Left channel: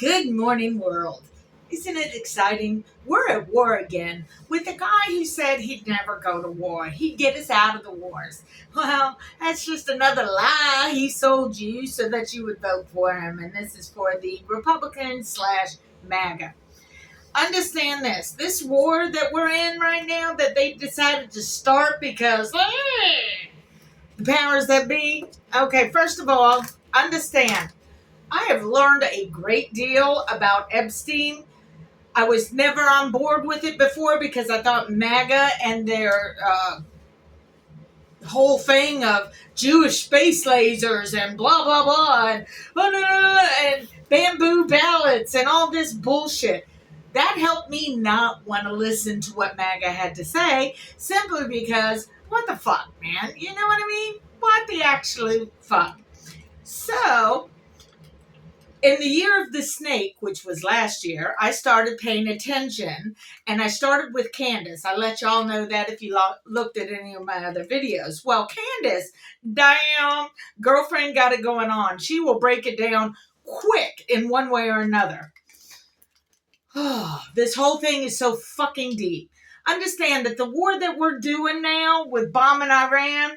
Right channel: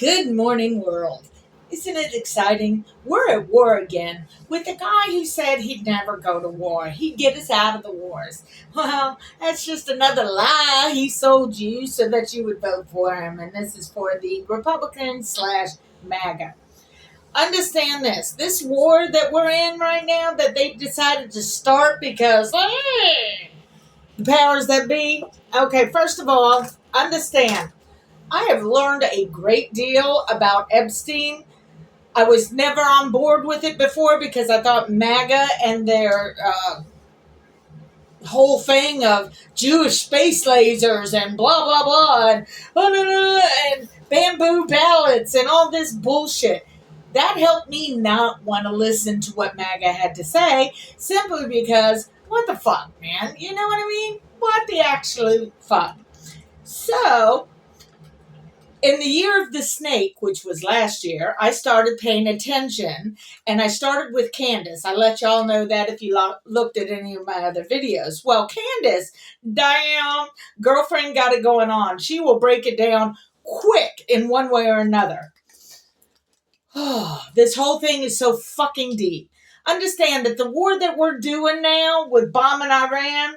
Good morning, world. Isn't it exciting? We're at war again with the guy who said he'd never go to war. He'd get us out of the wars. Well, that's just another lie he sold you so that you would vote for him. And this is for the Republican slash MAGA. Understand this. This war that we're in right now that they've decided to start because the powers that be. Okay, first of all, understand. I have learned a great deal about Epstein. I was never on board with it before because I thought MAGA and their whole thing of Jewish space lasers and blah, blah, blah, and, and bamboo ballots and all this bullshit. That helped me not want to listen to what MAGA had to say simply because, what the fuck, man? You know what I mean? What the actual fuck? So, in the year of the snake, which was last year, I started paying attention, and I started with Candace. I let y'all know that if you looked at any of my other videos. Well, Candace, damn, girlfriend got it going on. She will break it down quick in one way or another. This whole thing is so fucking deep. Understand that the war that we're doing now with bombing Iran,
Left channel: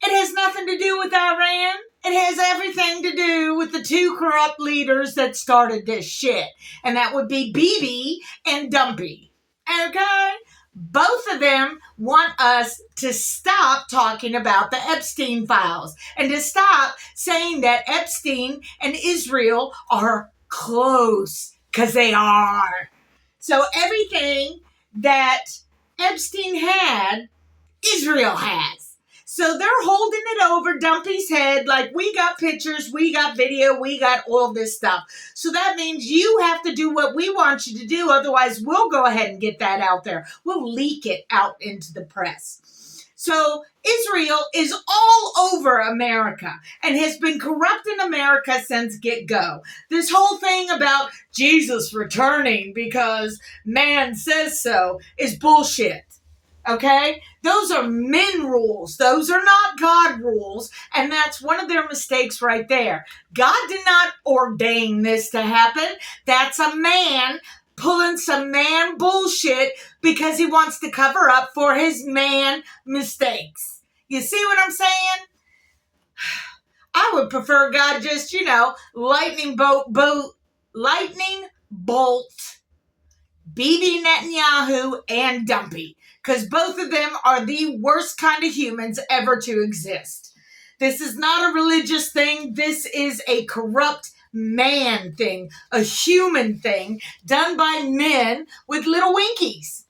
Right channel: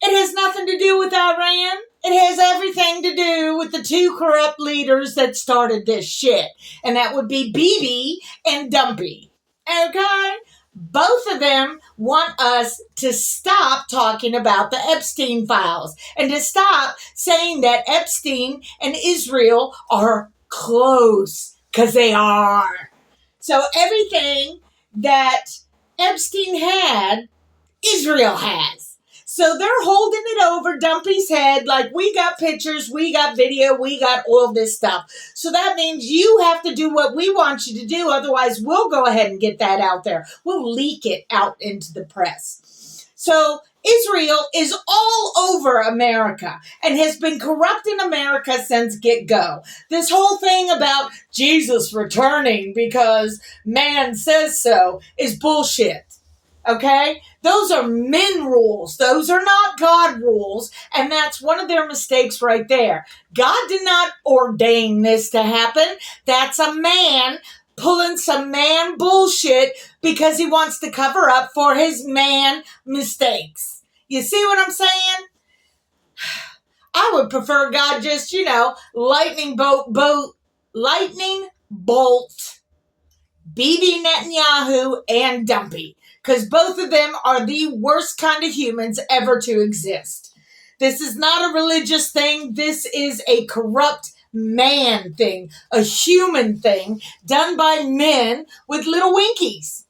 it has nothing to do with Iran. It has everything to do with the two corrupt leaders that started this shit. And that would be Bibi and Dumpy. Okay? Both of them want us to stop talking about the Epstein files and to stop saying that Epstein and Israel are close, because they are. So everything that Epstein had, Israel has. So they're holding it over Dumpy's head like we got pictures, we got video, we got all this stuff. So that means you have to do what we want you to do. Otherwise, we'll go ahead and get that out there. We'll leak it out into the press. So Israel is all over America and has been corrupting America since get-go. This whole thing about Jesus returning because man says so is bullshit. Okay? Those are men rules. Those are not God rules. And that's one of their mistakes right there. God did not ordain this to happen. That's a man pulling some man bullshit because he wants to cover up for his man mistakes. You see what I'm saying? I would prefer God just, lightning bolt Bibi Netanyahu and Dumpy. Because both of them are the worst kind of humans ever to exist. This is not a religious thing. This is a corrupt man thing, a human thing done by men with little winkies.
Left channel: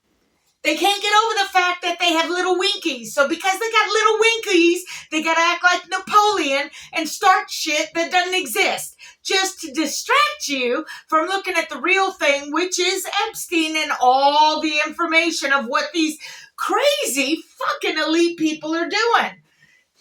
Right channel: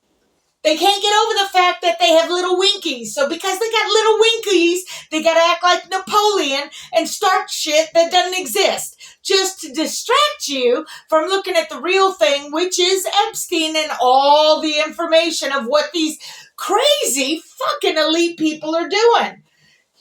They can't get over the fact that they have little winkies. So because they got little winkies, they got to act like Napoleon and start shit that doesn't exist. Just to distract you from looking at the real thing, which is Epstein and all the information of what these crazy fucking elite people are doing.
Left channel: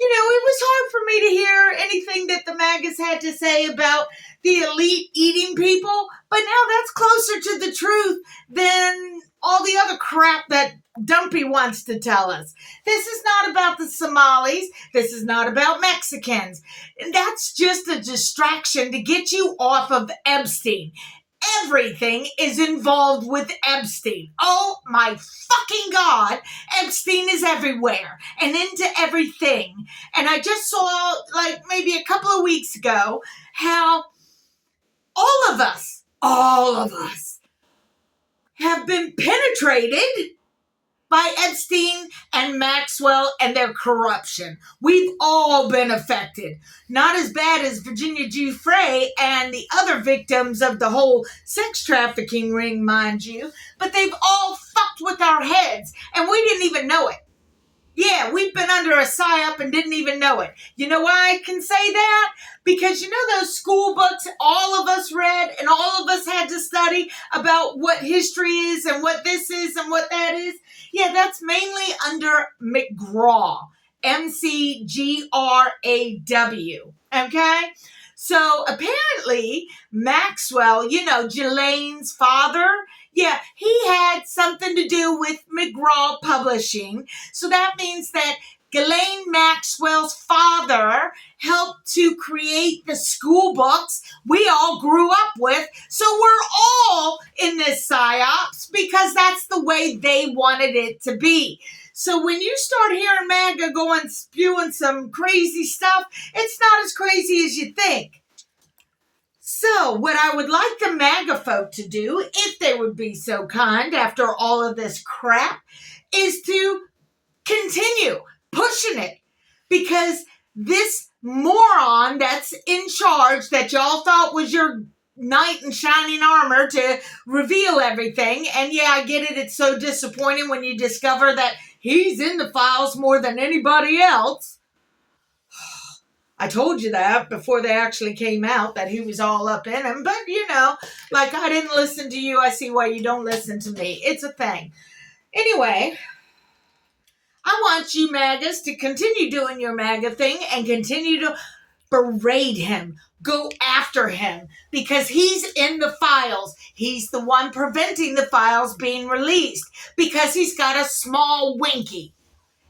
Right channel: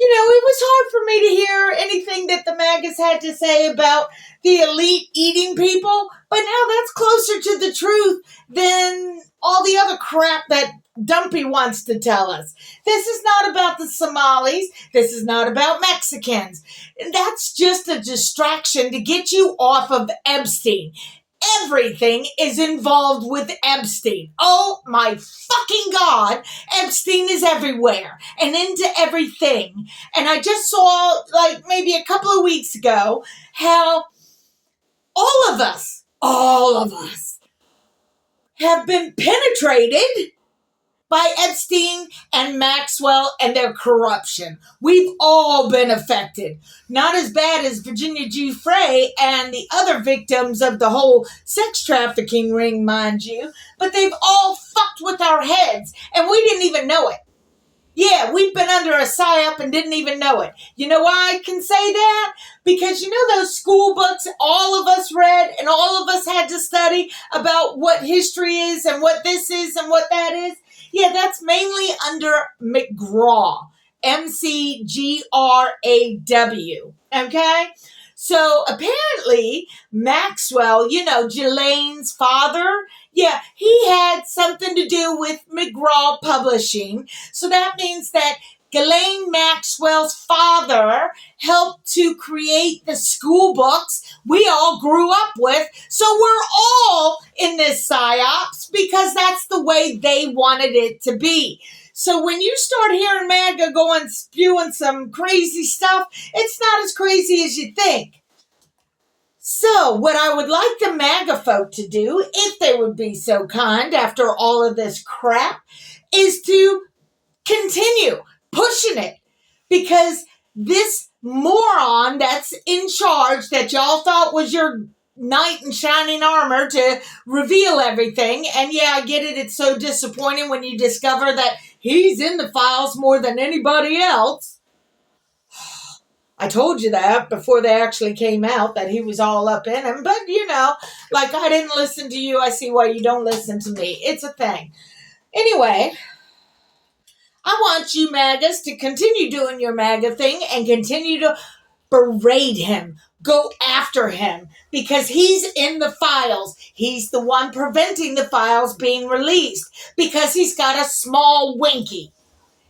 It was hard for me to hear anything that the MAGAs had to say about the elite eating people, but now that's closer to the truth than all the other crap that Dumpy wants to tell us. This is not about the Somalis. This is not about Mexicans. That's just a distraction to get you off of Epstein. Everything is involved with Epstein. Oh my fucking God. Epstein is everywhere and into everything. And I just saw, maybe a couple of weeks ago, how all of us have been penetrated by Epstein and Maxwell and their corruption. We've all been affected. Not as bad as Virginia Giuffre and the other victims of the whole sex trafficking ring, mind you, but they've all fucked with our heads, and we didn't even know it. Yeah, we've been under a psyop and didn't even know it. You know why I can say that? Because those school books all of us read and all of us had to study about what history is and what this is and what that is? Yeah, that's mainly under McGraw. McGraw. Okay? So apparently Maxwell, Ghislaine's father, yeah, he had something to do with McGraw Publishing. So that means that Ghislaine Maxwell's father helped to create the school books we all grew up with. So we're all in this psyops because that's the way they wanted it to be. So when you start hearing MAGA going spewing some crazy stuff, it's not as crazy as you think. So what I would like the MAGA folk to do, if they would be so kind after all of this crap, is to continue pushing it, because this moron that's in charge that y'all thought was your knight in shining armor to reveal everything, and yeah, I get it, it's so disappointing when you discover that he's in the files more than anybody else. I told you that before they actually came out, that he was all up in him, but like I didn't listen to you, I see why you don't listen to me. It's a thing. Anyway, I want you MAGAs to continue doing your MAGA thing and continue to berate him. Go after him because he's in the files. He's the one preventing the files being released because he's got a small winky.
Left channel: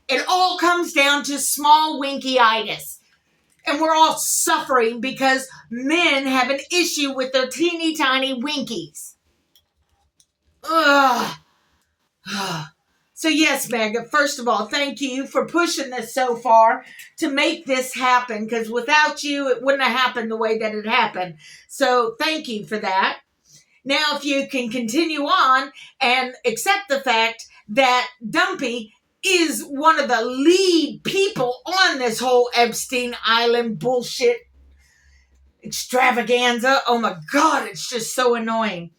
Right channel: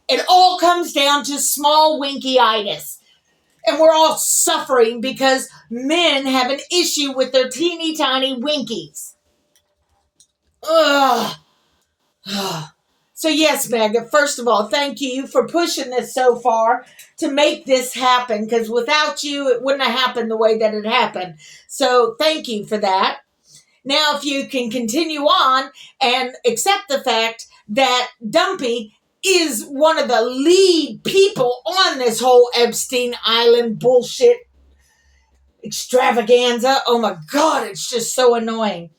It all comes down to small winky-itis. And we're all suffering because men have an issue with their teeny tiny winkies. Ugh. So yes, MAGA, first of all, thank you for pushing this so far to make this happen, because without you, it wouldn't have happened the way that it happened. So thank you for that. Now, if you can continue on and accept the fact that Dumpy is one of the lead people on this whole Epstein Island bullshit extravaganza. Oh my God, it's just so annoying.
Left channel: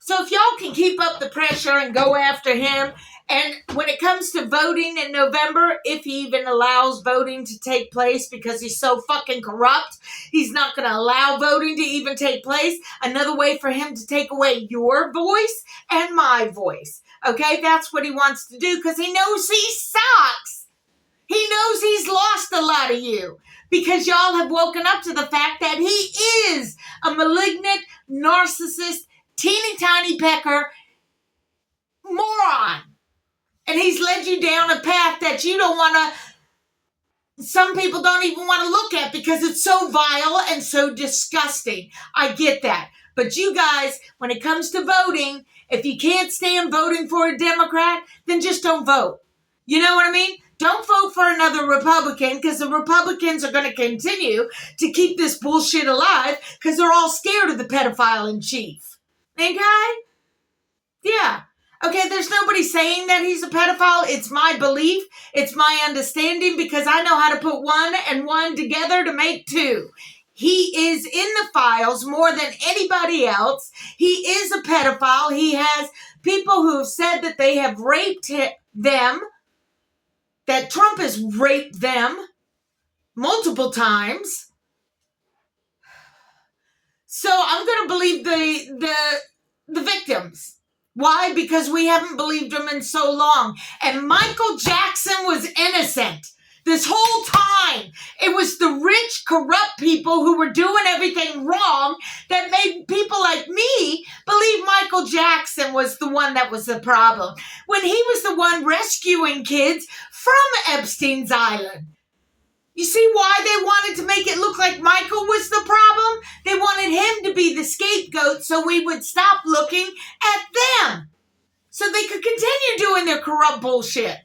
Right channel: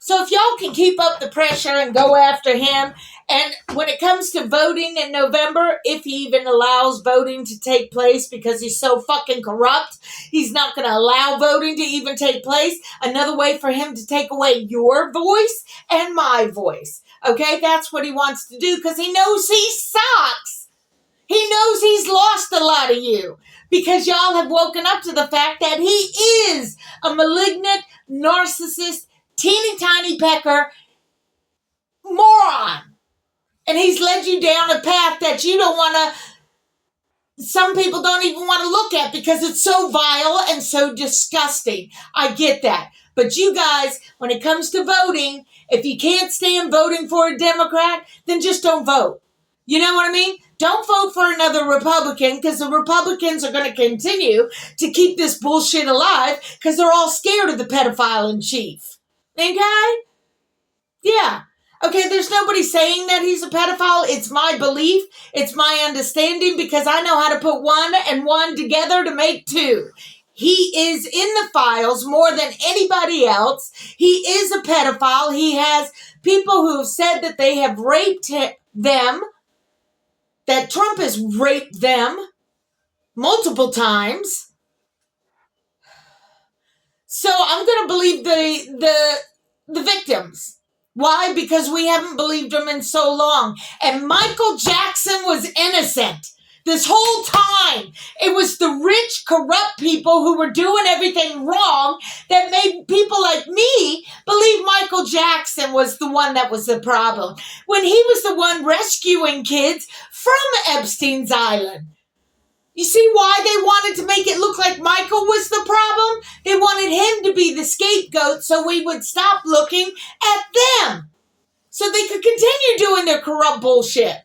So if y'all can keep up the pressure and go after him, and when it comes to voting in November, if he even allows voting to take place because he's so fucking corrupt, he's not going to allow voting to even take place. Another way for him to take away your voice and my voice. Okay, that's what he wants to do because he knows he sucks. He knows he's lost a lot of you because y'all have woken up to the fact that he is a malignant, narcissist, teeny tiny pecker moron. And he's led you down a path that you don't want to, some people don't even want to look at because it's so vile and so disgusting. I get that. But you guys, when it comes to voting, if you can't stand voting for a Democrat, then just don't vote. You know what I mean? Don't vote for another Republican because the Republicans are going to continue to keep this bullshit alive because they're all scared of the pedophile in chief. Okay? Yeah. Okay, there's nobody saying that he's a pedophile. It's my belief. It's my understanding because I know how to put one and one together to make two. He is in the files more than anybody else. He is a pedophile. He has people who have said that they have raped them, that Trump has raped them multiple times. So I'm going to believe the victims. Why? Because we haven't believed him in so long. And Michael Jackson was innocent this whole time. It was the rich, corrupt people who were doing everything wrong that made people like me believe Michael Jackson was the one that was the problem, when he was the one rescuing kids from Epstein's Island. You see why they wanted to make it look like Michael was the problem? They wanted him to be the scapegoat so we would stop looking at them. So they could continue doing their corrupt bullshit.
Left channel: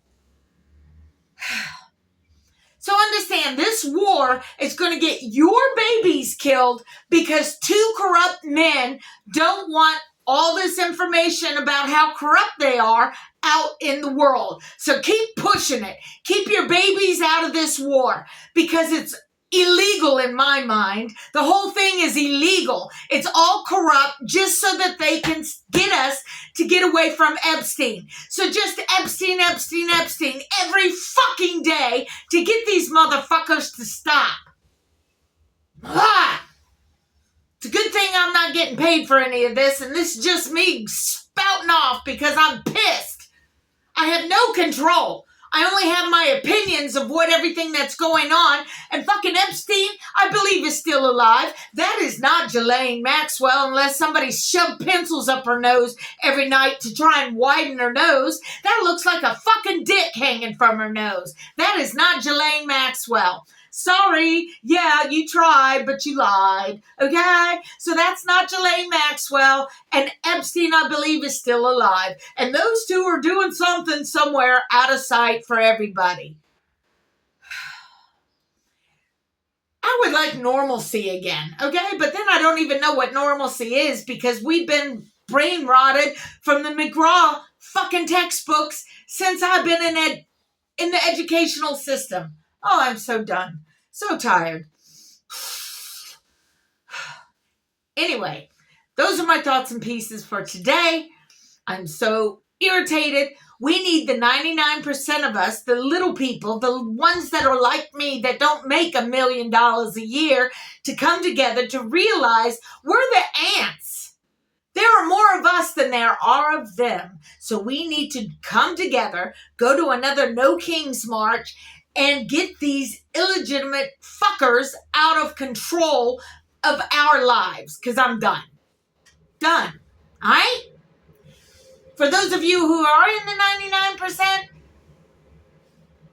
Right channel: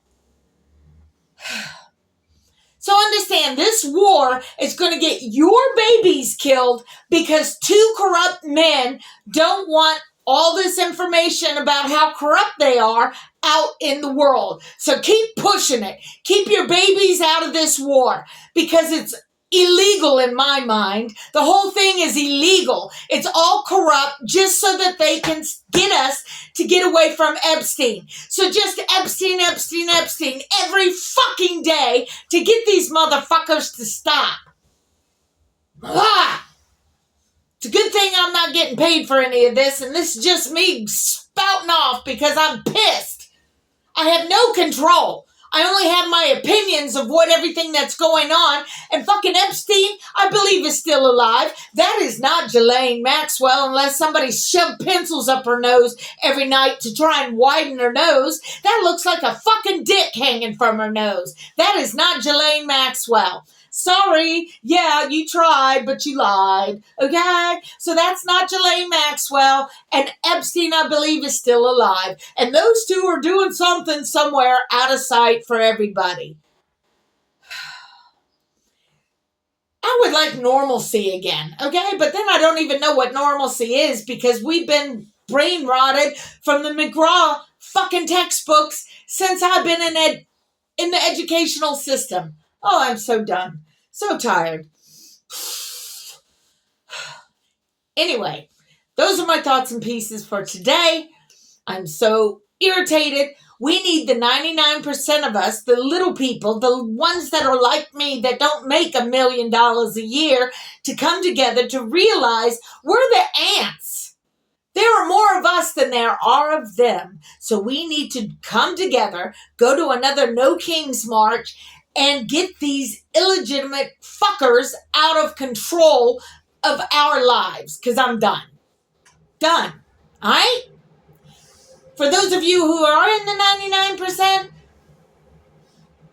So understand, this war is going to get your babies killed because two corrupt men don't want all this information about how corrupt they are out in the world. So keep pushing it. Keep your babies out of this war because it's illegal in my mind. The whole thing is illegal. It's all corrupt just so that they can get us to get away from Epstein. So just Epstein, Epstein, Epstein every fucking day to get these motherfuckers to stop. Ah! It's a good thing I'm not getting paid for any of this, and this is just me spouting off because I'm pissed. I have no control. I only have my opinions of what everything that's going on. And fucking Epstein, I believe, is still alive. That is not Ghislaine Maxwell unless somebody shoved pencils up her nose every night to try and widen her nose. That looks like a fucking dick hanging from her nose. That is not Ghislaine Maxwell. Sorry, yeah, you tried, but you lied, okay? So that's not Ghislaine Maxwell, and Epstein, I believe, is still alive. And those two are doing something somewhere out of sight for everybody. I would like normalcy again, okay? But then I don't even know what normalcy is because we've been brain rotted from the McGraw fucking textbooks since I've been in the educational system. Oh, I'm so done. So tired. Anyway, those are my thoughts and pieces for today. I'm so irritated. We need the 99% of us, the little people, the ones that are like me that don't make $1 million a year, to come together to realize we're the ants. There are more of us than there are of them. So we need to come together, go to another No King's March, and get these illegitimate fuckers out of control of our lives. Because I'm done. Done. All right? For those of you who are in the 99%,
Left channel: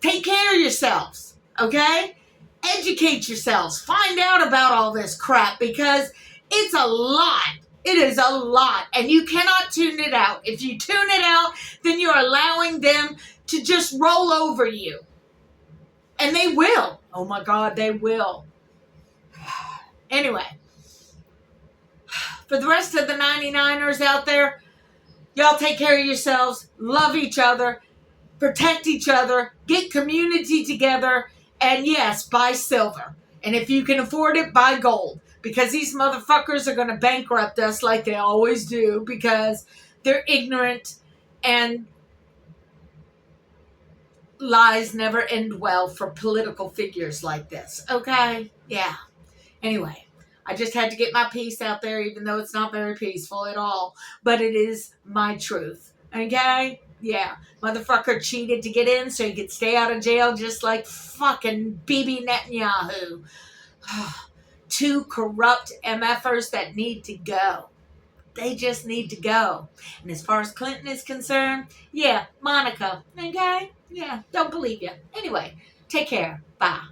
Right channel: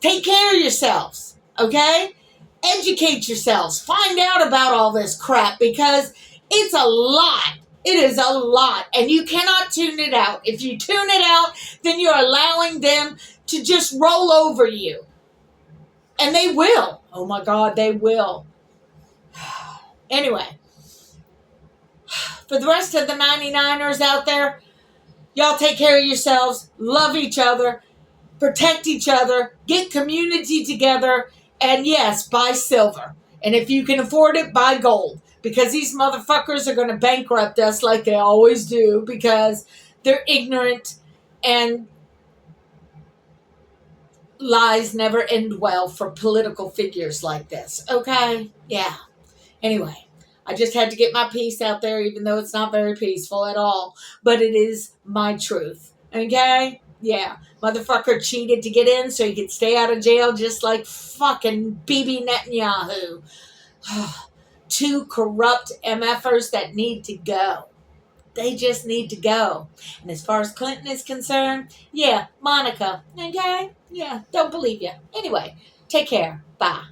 take care of yourselves. Okay? Educate yourselves. Find out about all this crap because it's a lot. It is a lot. And you cannot tune it out. If you tune it out, then you're allowing them to just roll over you. And they will. Oh my God, they will. Anyway, for the rest of the 99ers out there, y'all take care of yourselves, love each other, protect each other, get community together, and yes, buy silver. And if you can afford it, buy gold. Because these motherfuckers are going to bankrupt us like they always do because they're ignorant and lies never end well for political figures like this. Okay? Yeah. Anyway, I just had to get my piece out there, even though it's not very peaceful at all. But it is my truth. Okay? Yeah. Motherfucker cheated to get in so he could stay out of jail just like fucking Bibi Netanyahu. Two corrupt MFers that need to go. They just need to go. And as far as Clinton is concerned, yeah, Monica, okay? Yeah, don't believe you. Anyway, take care. Bye.